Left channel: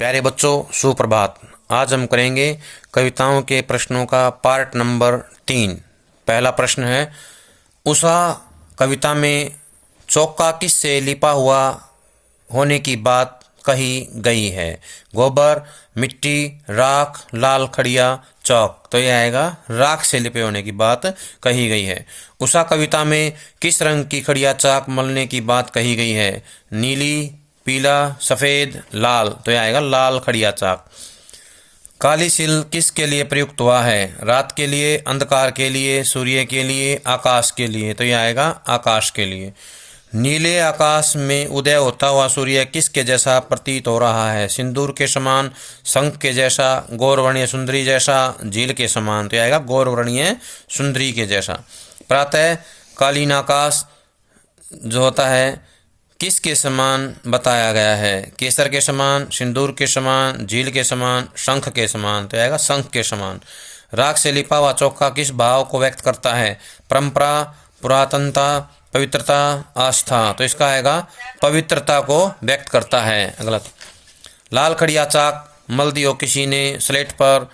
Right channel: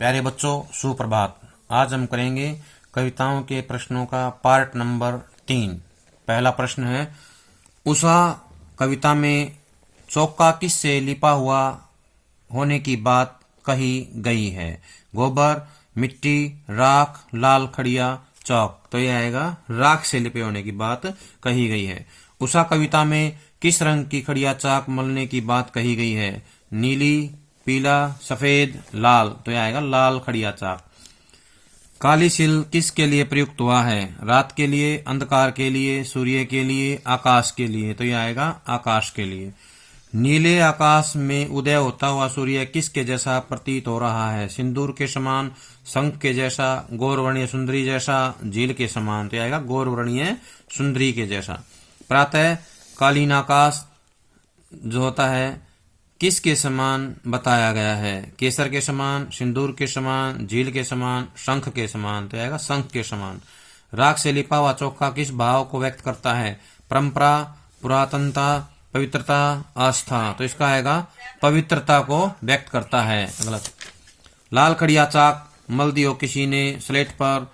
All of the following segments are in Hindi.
प्यारे बच्चों, सुप्रभात। आज हम करेंगे कविताओं के प्रश्नों का पार्ट नंबर 3। पहला प्रश्न है, उषा कविता में चौका किस से लिपा हुआ होने की बात कही गई है? गोबर, मिट्टी, राख, लाल खड़िया, चौक। तो यह आएगा राख से लिपे होने की बात कही गई है। उषा कविता में किस रंग की खड़िया चाक मलने की बात कही गई है? नीली, पीला, सफेद, लाल। तो यह आएगा लाल खड़िया चाक। काली सिल किसके लिए प्रयुक्त हुआ है? रात के लिए, अंधकार के लिए, सूर्य के लिए, आकाश के लिए। तो यह आएगा आकाश के लिए। नीले आकाश में उदय होता हुआ सूर्य किसके जैसा प्रतीत हो रहा है? सिंदूर के समान, शंख के जैसा, गौरवर्णीय सुंदरी जैसा, झील के समान। तो यह आएगा गौरवर्णीय सुंदरी के जैसा। प्रातः कालीन आकाश जो होता है किसके समान बताया गया है? केसर के समान, सिंदूर के समान, झील के समान, शंख के समान। तो आएगा शंख के समान। राख से लिपा हुआ चौका किस भाव को व्यक्त करता है? परंपरा, पुरातनता, पवित्रता, आस्था। तो इसका आएगा पवित्रता को व्यक्त करता है। अगला, लाल खड़िया चाक मल दियो किसी ने स्लेट पर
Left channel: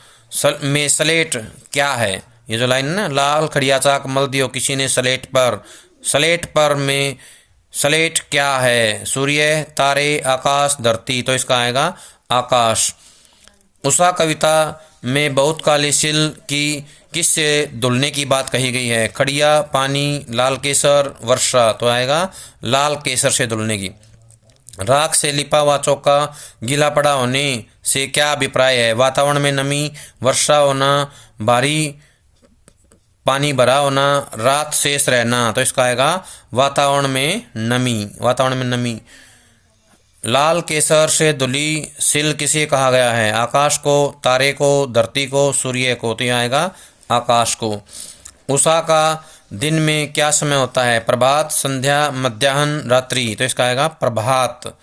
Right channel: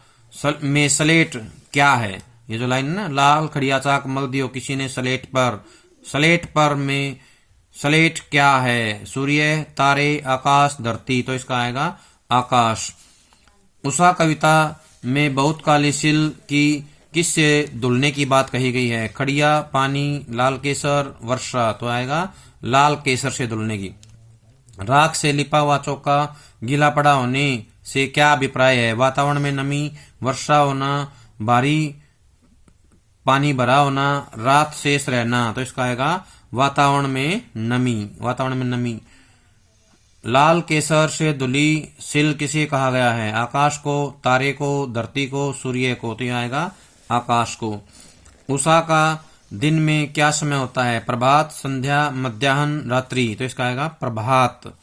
में स्लेट क्या है? ये जो लाइन है ना, लाल खड़िया चाक मल दियो किसी ने स्लेट पर, स्लेट पर में स्लेट क्या है? सूर्य, तारे, आकाश, धरती। तो इसका आएगा आकाश। उषा कविता में बहुत काली सिल की किससे धुलने की बात कही गई है? खड़िया, पानी, लाल केसर, वर्षा। तो आएगा लाल केसर से धुलने की। राख से लिपा हुआ चौका गीला पड़ा होने से क्या अभिप्राय है? वातावरण में नमी, वर्षा होना, भारी पानी भरा होना, रात शेष रहना। तो इसका आएगा वातावरण में नमी, वातावरण में नमी। लाल केसर से धुली सिल किसे कहा गया है? आकाश को, तारे को, धरती को, सूर्य को। तो यह आएगा आकाश को। उषा का दिन में क्या समय होता है? प्रभात, संध्या, मध्याह्न, रात्रि। तो इसका आएगा प्रभात।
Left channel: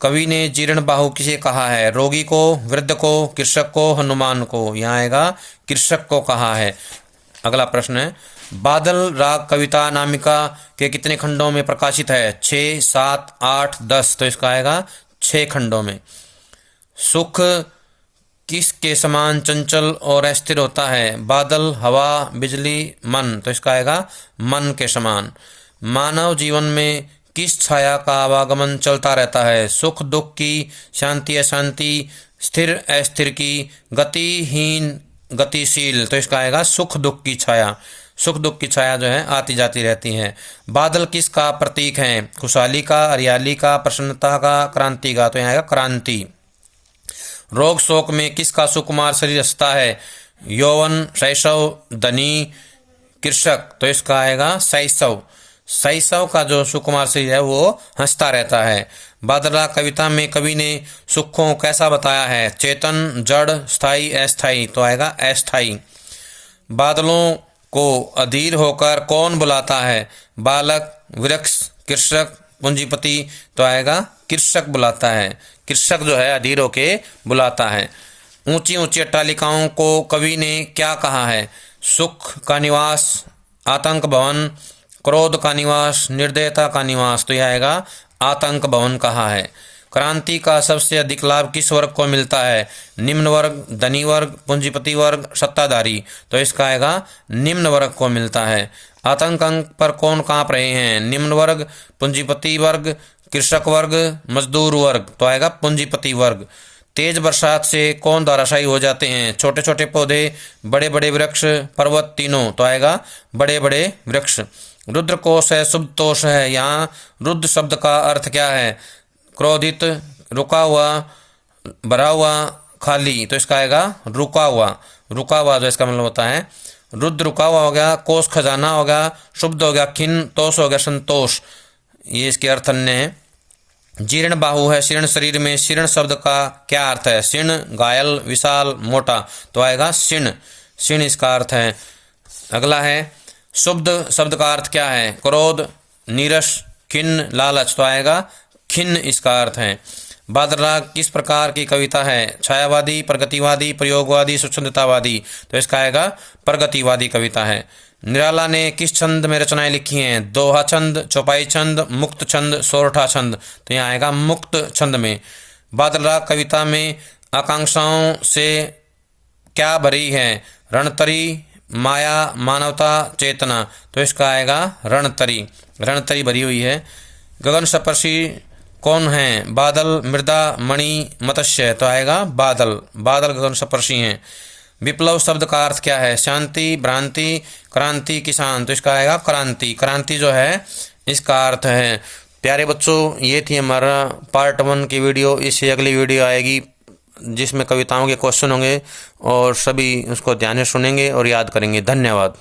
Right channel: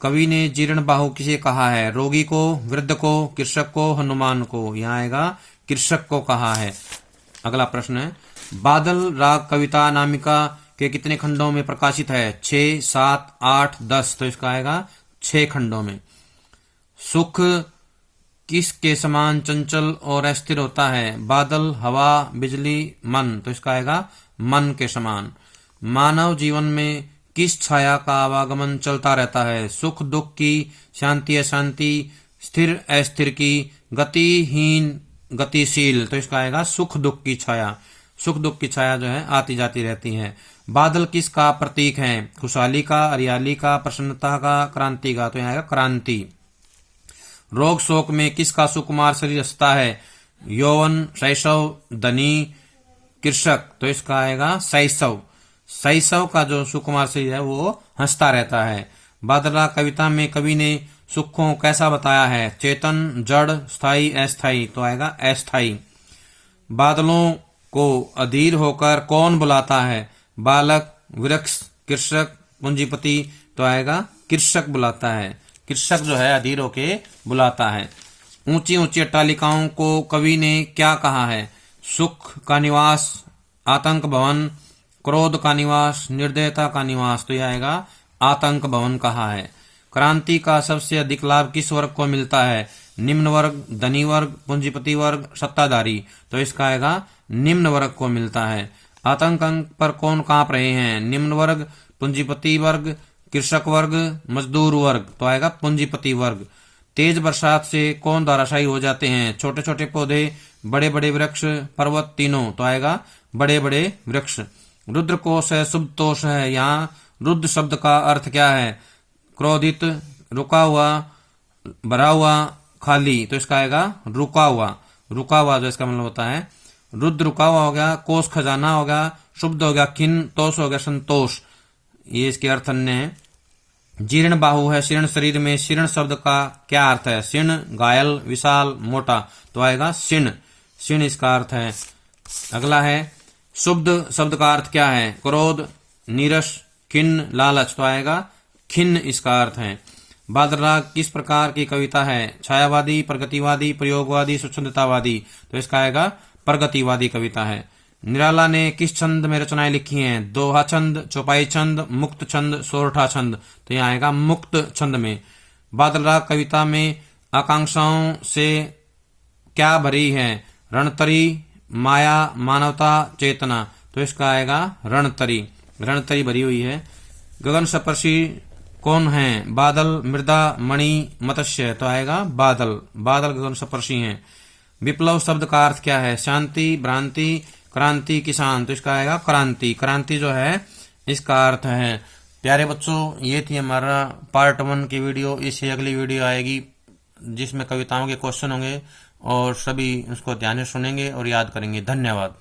कवि ने जीर्ण बाहु किसे कहा है? रोगी को, वृद्ध को, कृषक को, हनुमान को। यहाँ आएगा कृषक को कहा है। अगला प्रश्न है, बादल राग कविता नामिका के कितने खंडों में प्रकाशित है? 6, 7, 8, 10। तो इसका आएगा 6 खंडों में। सुख किस के समान चंचल और अस्थिर होता है? बादल, हवा, बिजली, मन। तो इसका आएगा मन के समान। मानव जीवन में किस छाया का आवागमन चलता रहता है? सुख दुख की, शांति अशांति, स्थिर अस्थिर की, गतिहीन गतिशील। तो इसका आएगा सुख दुख की छाया। सुख दुख की छाया जो है आती जाती रहती है। बादल किसका प्रतीक है? खुशहाली का, हरियाली का, प्रसन्नता का, क्रांति का। तो यहाँ आएगा क्रांति। रोग शोक में किसका सुकुमार शरीर हंसता है? यौवन, शैशव, धनी, कृषक। तो इसका आएगा शैशव। शैशव का जो सुकुमार शरीर है वो हंसता रहता है। बादला कविता में कवि ने सुख को कैसा बताया है? चेतन, जड़, स्थायी, अस्थायी। तो आएगा अस्थायी। बादलों को अधीर होकर कौन बुलाता है? बालक, वृक्ष, कृषक, पूंजीपति। तो आएगा कृषक बुलाता है। कृषक जो है अधीर होके बुलाता है। ऊंची ऊंची अट्टालिकाओं को कवि ने क्या कहा है? सुख का निवास, आतंक भवन, क्रोध का निवास, निर्दयता का निवास। तो यह आएगा आतंक भवन कहा है। क्रांति का सबसे अधिक लाभ किस वर्ग को मिलता है? निम्न वर्ग, धनी वर्ग, पूंजीपति वर्ग, सत्ताधारी। तो इसका आएगा निम्न वर्ग को मिलता है। आतंक अंक पर कौन कांप रहे हैं? निम्न वर्ग, पूंजीपति वर्ग, कृषक वर्ग, मजदूर वर्ग। तो आएगा पूंजीपति वर्ग। तेज बरसात से कौन धराशायी हो जाते हैं? छोटे छोटे पौधे, बड़े बड़े वृक्ष, पर्वत, तीनों। तो आएगा बड़े बड़े वृक्ष। रुद्र कोश है, शुभ तोष है। यहाँ रुद्र शब्द का अर्थ क्या है? क्रोधित, रुका हुआ, भरा हुआ, खाली। तो इसका आएगा रुका हुआ। रुका हुआ जो इसका मतलब होता है। रुद्र रुका हुआ हो गया, कोश खजाना हो गया, शुभ हो गया खिन्न, तोष हो गया संतोष। ये इसके अर्थ अन्य है। जीर्ण बाहु है शीर्ण शरीर में। शीर्ण शब्द का क्या अर्थ है? शीर्ण, घायल, विशाल, मोटा। तो आएगा शीर्ण। शीर्ण इसका अर्थ है। अगला है, शुद्ध शब्द का अर्थ क्या है? क्रोध, नीरस, खिन्न, लालच। तो आएगा खिन्न इसका अर्थ है। बादल किस प्रकार की कविता है? छायावादी, प्रगतिवादी, प्रयोगवादी, स्वच्छंदतावादी। तो इसका आएगा प्रगतिवादी कविता है। निराला ने किस छंद में रचनाएं लिखी हैं? दोहा छंद, चौपाई छंद, मुक्त छंद, सोरठा छंद। तो यहाँ आएगा मुक्त छंद में। बादल राग कविता में आकांक्षाओं से क्या भरी है? रणतरी, माया, मानवता, चेतना। तो इसका आएगा रणतरी। रणतरी भरी हुई है। गगन स्पर्शी कौन है? बादल, मृदा, मणि, मत्स्य। तो आएगा बादल। बादल गगन स्पर्शी हैं। विप्लव शब्द का अर्थ क्या है? शांति, भ्रांति, क्रांति, किसान। तो इसका आएगा क्रांति। क्रांति जो है इसका अर्थ है। प्यारे बच्चों, ये थी हमारा पार्ट 1 की वीडियो। इससे अगली वीडियो आएगी जिसमें कविताओं के क्वेश्चन होंगे और सभी उसको ध्यान से सुनेंगे और याद करेंगे। धन्यवाद।